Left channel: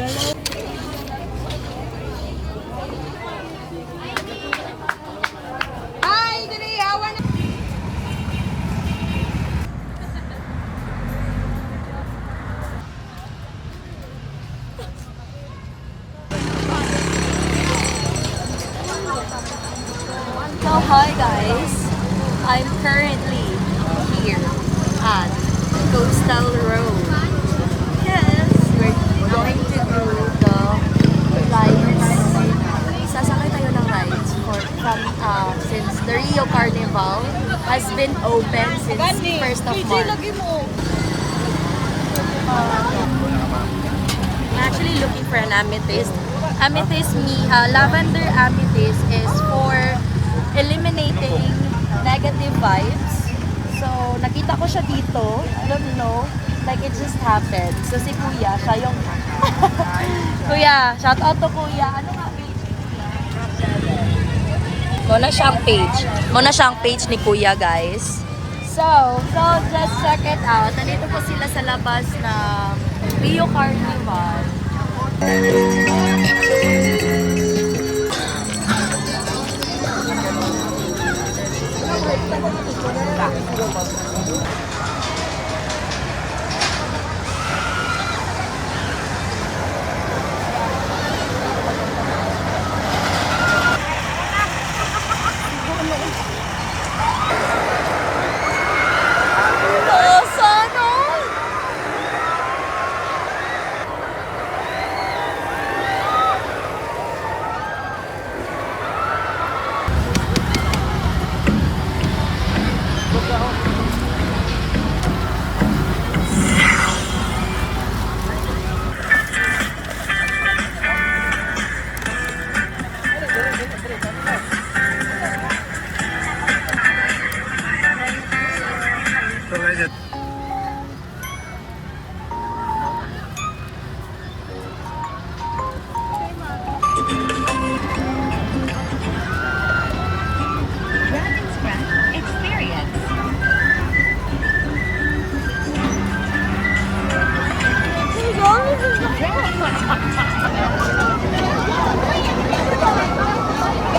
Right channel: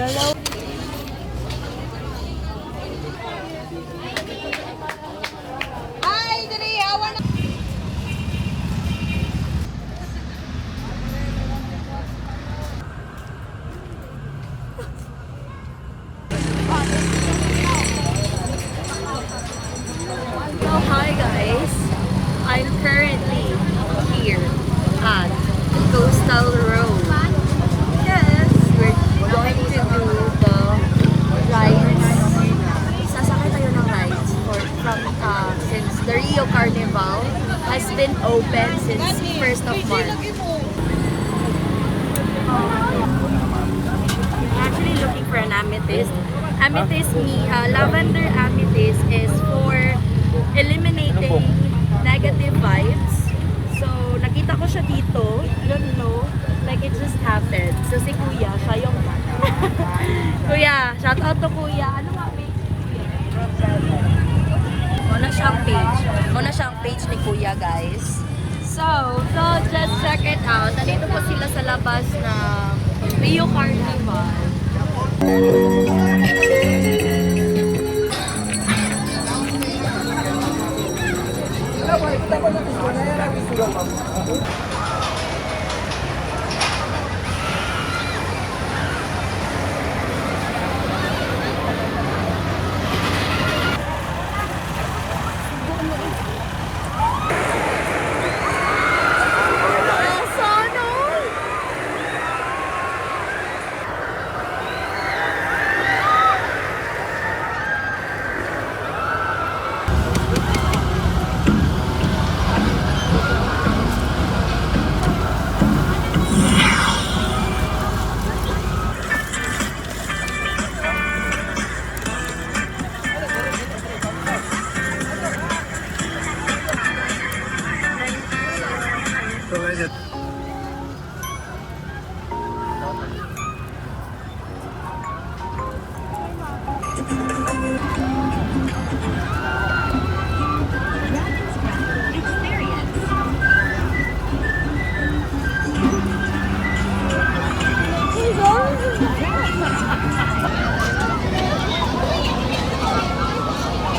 Dalaw. Hi, dali, awan na. So, hi guys. I'm currently here at Coastal Road. Yes, we're going to do the rides. Sasakay tayo ng rides since the Rio Carnival has been open since 1st of March. Actually looking for an amethyst. Lavender amethyst is for eliminating negative vibes. So, nakita ko siya dito. I don't know. Like, it just happened. So, si Kuya, siya yung... Kuya, shout out to Kuya. Ano nga page ni Kuya? Muna siyang page ni Kuya, guys. So, let's check it out. Nandito po sila sa labas ng Rio Carnival.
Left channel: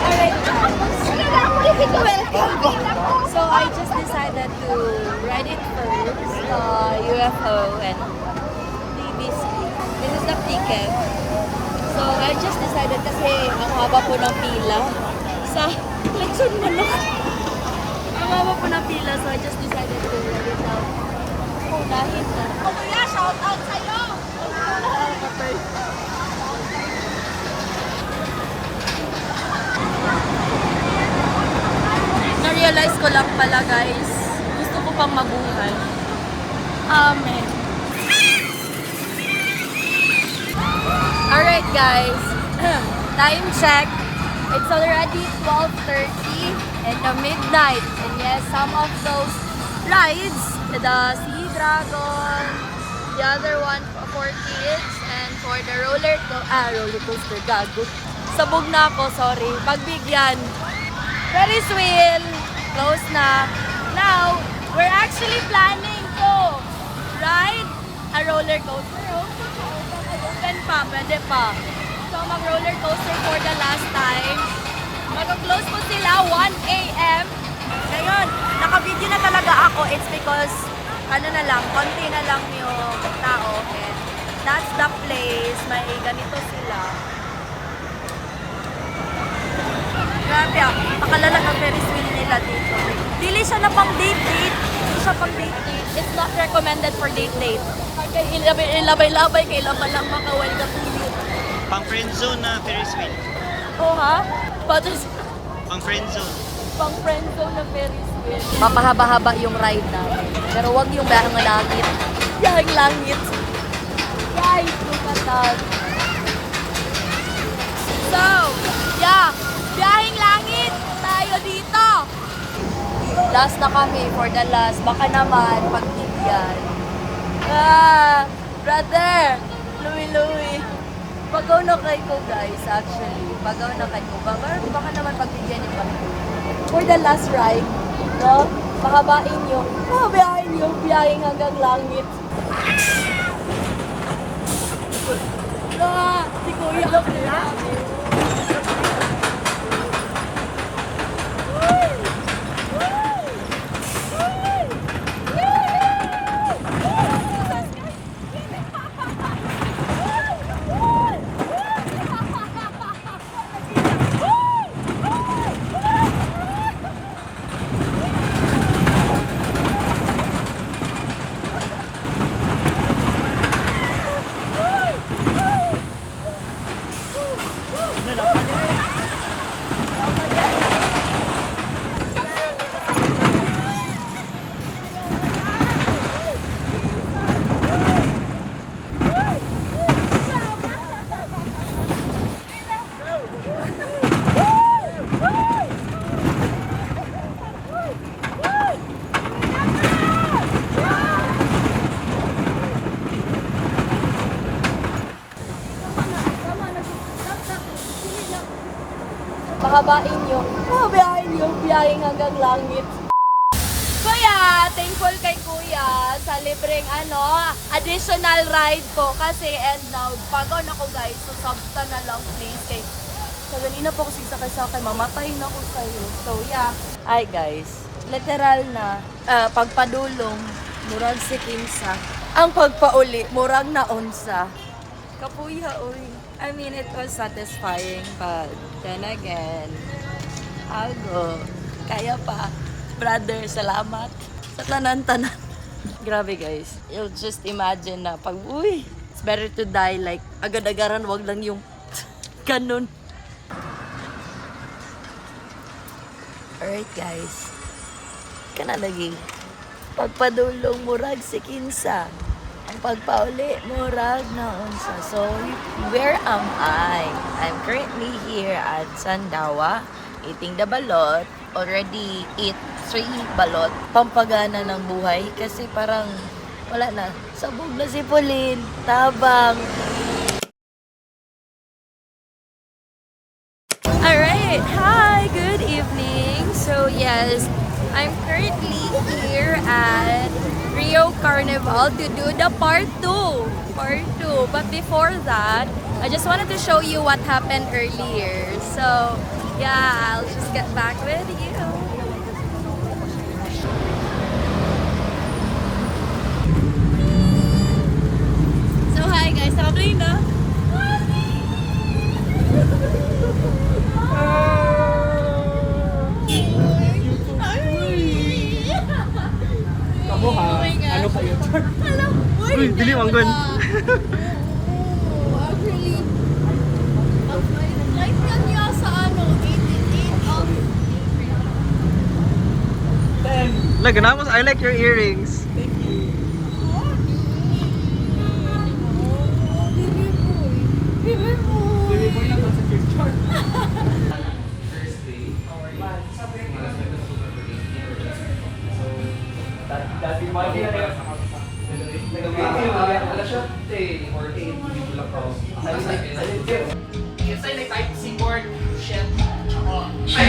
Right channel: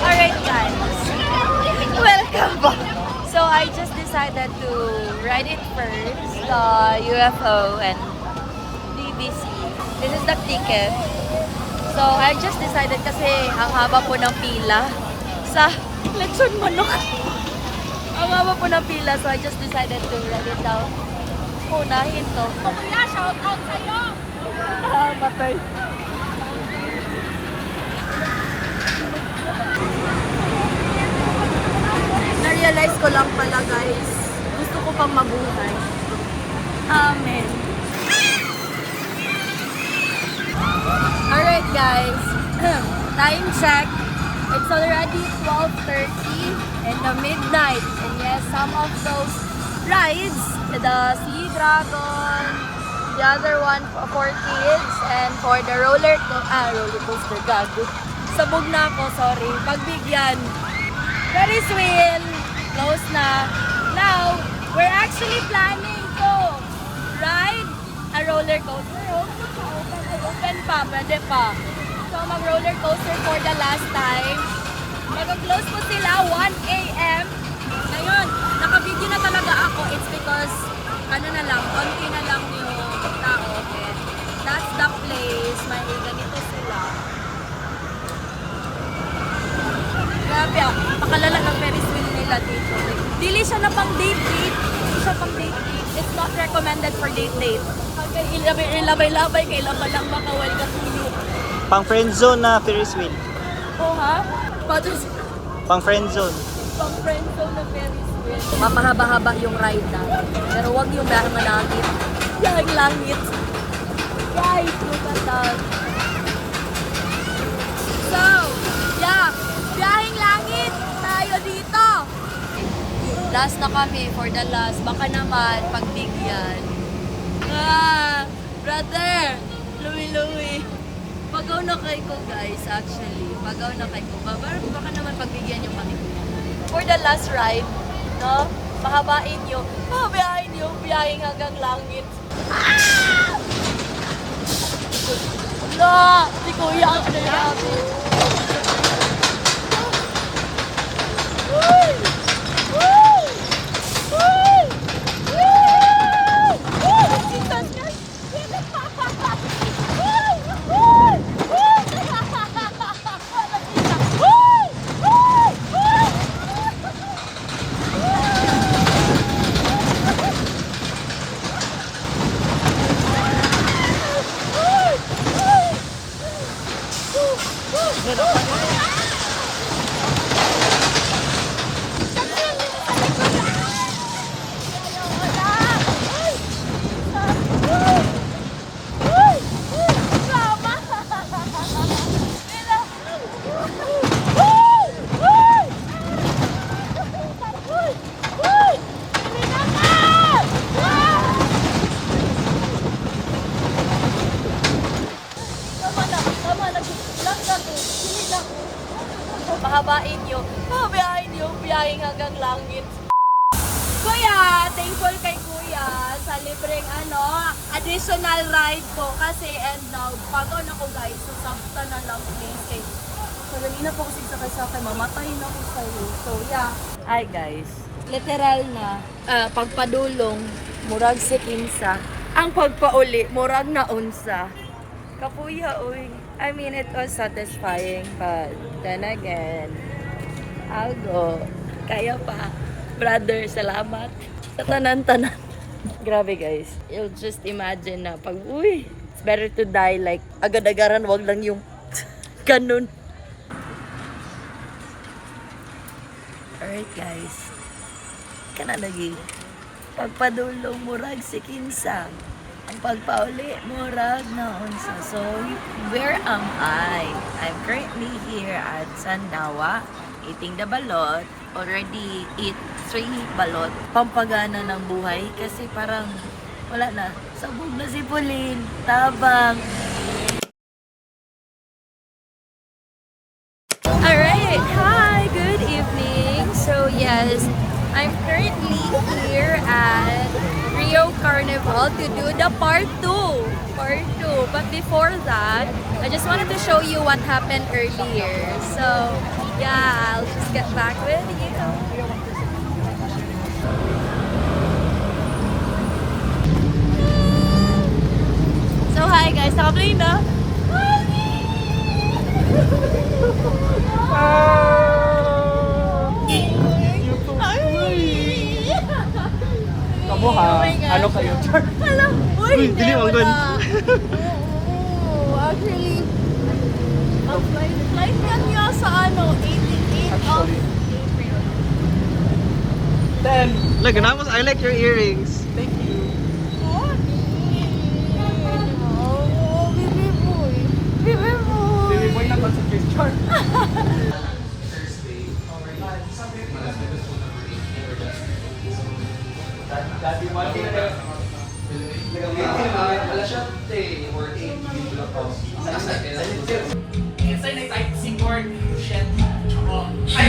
Alright guys, welcome. So I just decided to ride it first, UFO and BBC. This is the ticket. So I just decided kasi ang haba po ng pila sa lechon manok. Ang haba po ng pila, so I just decided to ride it out. Unahin to. Kuya, shout out sa'yo! Patay. Na-realize ko lang pala guys, gusto ko pang mabuhay. Amen. Alright guys, time check. It's already 12:30 in the midnight. And yes, some of those rides, the Sea Dragon, the other one for kids, and for the roller coaster, gago. Sabog na ako, sorry. Pagbigyan. Ferris wheel, close na. Now, we're actually planning to ride a roller coaster. Open pa, pwede pa. So, mag-roller coaster for the last time. Mag-close po sila 1 a.m. Ngayon, naka-video na talaga ako. It's because, konti na lang yung tao. And that's the place. May ganito sila. Grabe ah, pakalala ng Ferris wheel nila dito. Dili siya na pang date. Hindi siya pang date. It's not recommended for date. Ilabay-labay, kailan ba lang makawal ka pulit. Pang friend zone na Ferris wheel. Oh ha? Pang friend zone. Pang friend zone na Ferris wheel. Mapahaba-haba yung ride na. Pero wag yung bahang langit. Bahang langit. Guys, look at that. So, yeah. Biyahing langit tayo dito. Last na kami for the last. Baka naman pagbigyan. Brother. Louie. Pagaw na kay ko guys actually. Pagaw na kay ko. Baka naman pagbigyan nyo kami. For the last ride. No? Pahabain nyo. Pahabain nyo. Biyahing hanggang langit. Wala! Si Kuya ang pahabain nyo. Pahabain nyo. Biyahing hanggang langit. Kuya, thankful kay Kuya sa libreng additional ride po kasi and now, pagod ako guys, so sabta na lang please kay so ganina po kasi sa akin, mamatay na ako sa'yo. So yeah, ay guys, literal na pagpadulong, murag si Kinsa. Ang pagpauli, murag na unsa. Kapuya, uy. I mean, it was satisfying, but then again, I'll go. Kaya pa. Brother, salamat. Sa tanan-tanan. Grabe guys. You'll just imagine na pag, uy, it's better to die like agad-agaran, wag lang yung ganun. Alright guys. Kana lagi. Pagpadulong murag si Kinsa. Ang pagpauli murag na unsa. So, where am I? I'm currently here at Sandawa eating the balot. Already eat 3 balot. Pampagana ng buhay kasi parang wala na. Sabog na si Pauline. Tabang. Alright. Hi. Good evening. So, yes. I'm currently here at Rio Carnival to do the part 2. But before that, I just wanted to show you what happened earlier. So, yeah, I'll just get back with you. So, hi guys. Nakaplay na. Kamu ha? Oh my God. Ano kayo? Hello! Uy, Uy, dili, wanggan. Oo, actually, mag-flight kanya sa 18 of April. Then, look, I like your earrings. Thank you. Oh, baby boy. Baby boy. Baby boy na concentrate chart. Allah. Ay.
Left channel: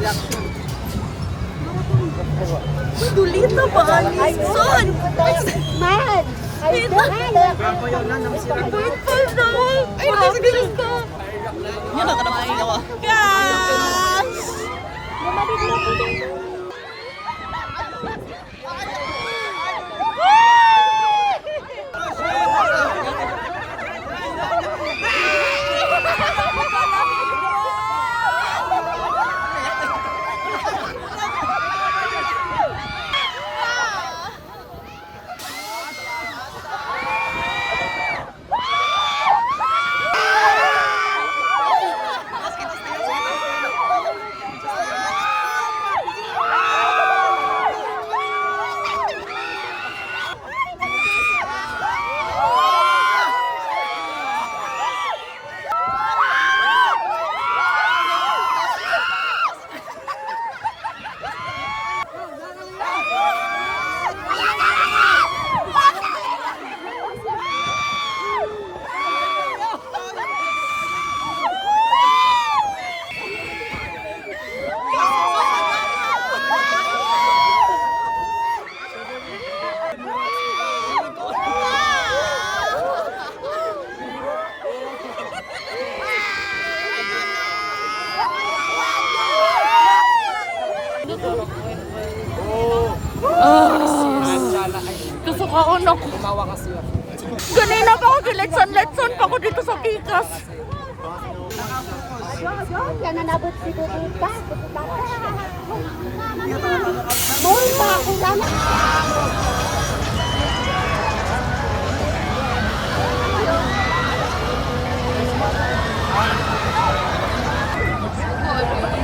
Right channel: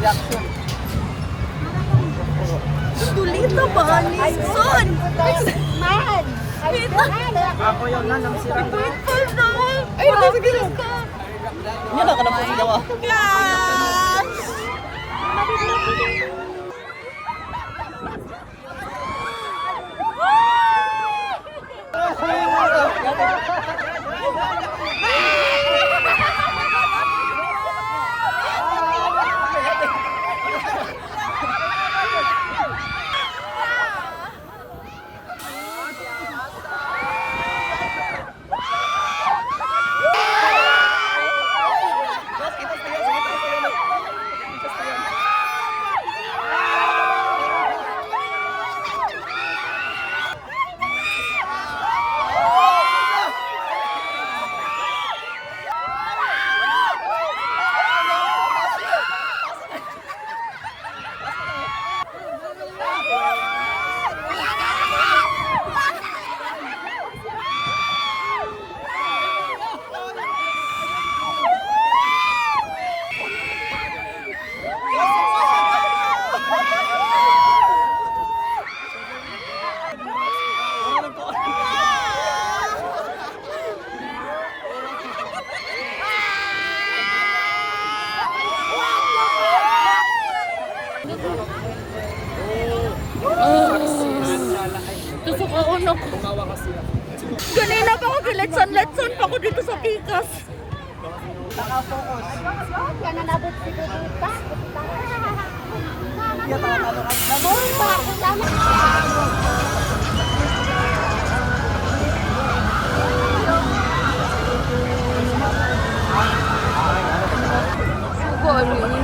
Reaction. Dulita ba ni? Son! Man! Wait lang! Ako yung nanam sira. Wait pa daw! Mabilis ka! Ano na kanang pasigawa? Gosh! Kaon ako. Tumawa kasi ako. Ganina pa ako giletson-letson pa ako dito sa Pikas. Sugon yun.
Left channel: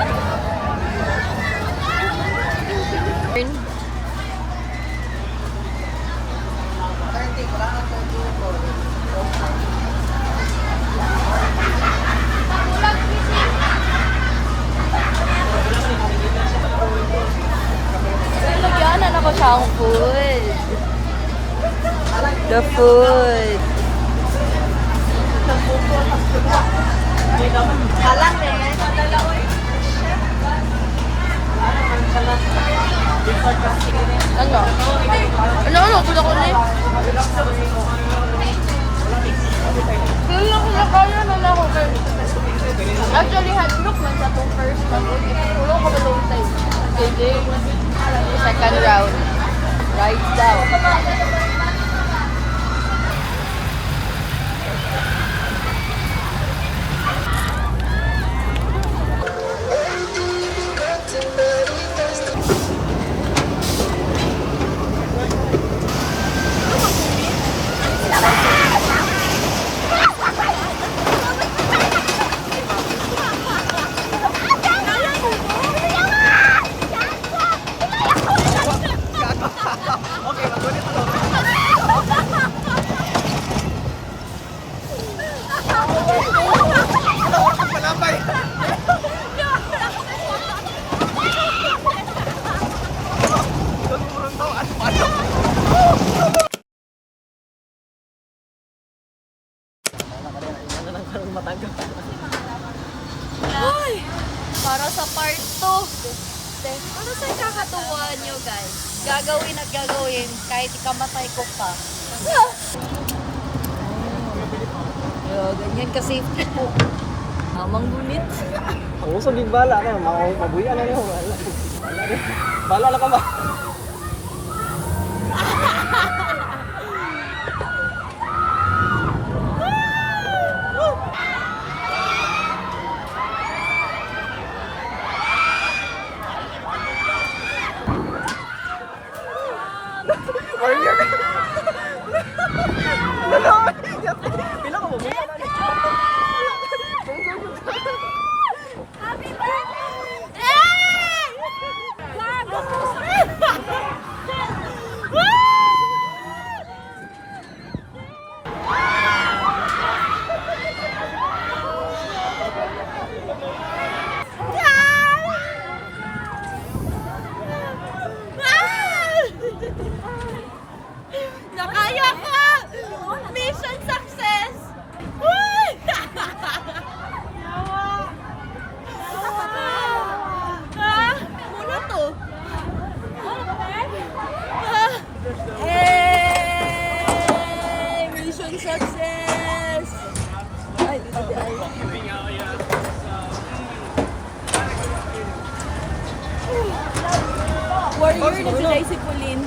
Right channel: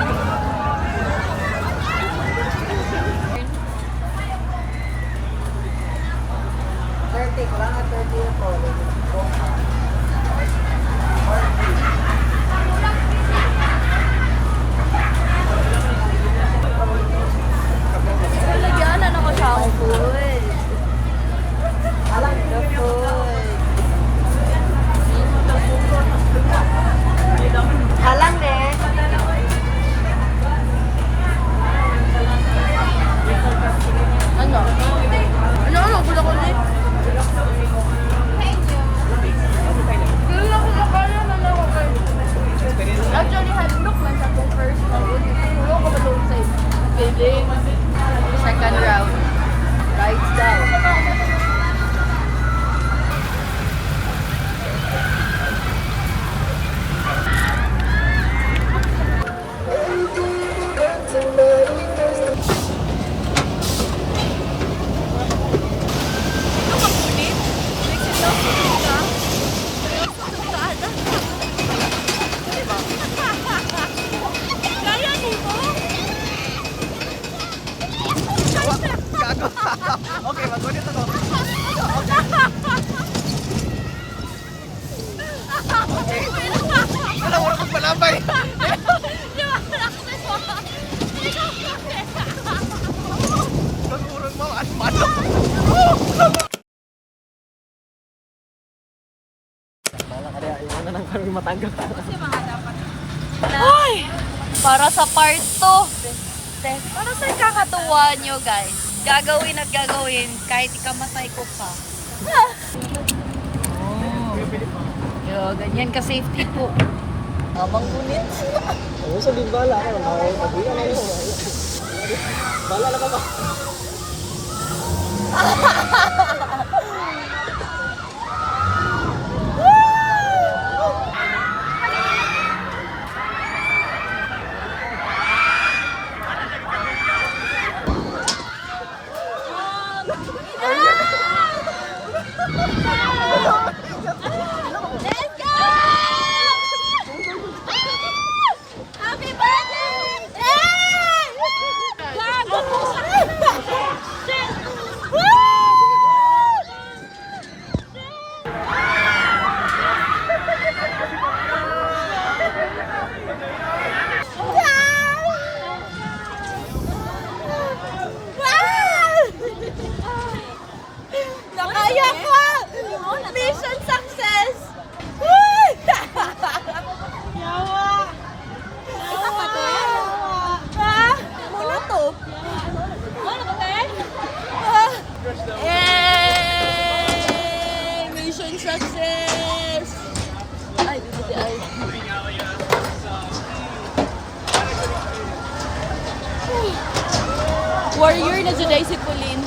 Lagyanan ako sa ang food. The food. Kalang din. Ano? Ano? Gusto ko rin. Kailan ko nakala na ako rin. Actually, hadlock man sa pong first round. Wala ko ba long time? Game. Second round. Rides down. Okay, magunit ako. Wala, wala kang palabay. Urong mo, ano? Ay! Para sa part 2. Para sa kakatuwa nyo, guys. Gagawin at gagawin kahit ikamatay ko pa. Yo, ganyan ka safety po. Amang gunit. Oo, so di bala. Mabuya na yun. Bala na ka ba? Happy birthday! Nakaya ko! Mission success! Muna to. Mission success! Ay, dito di ay. Warrior na dyan ay si Pauline.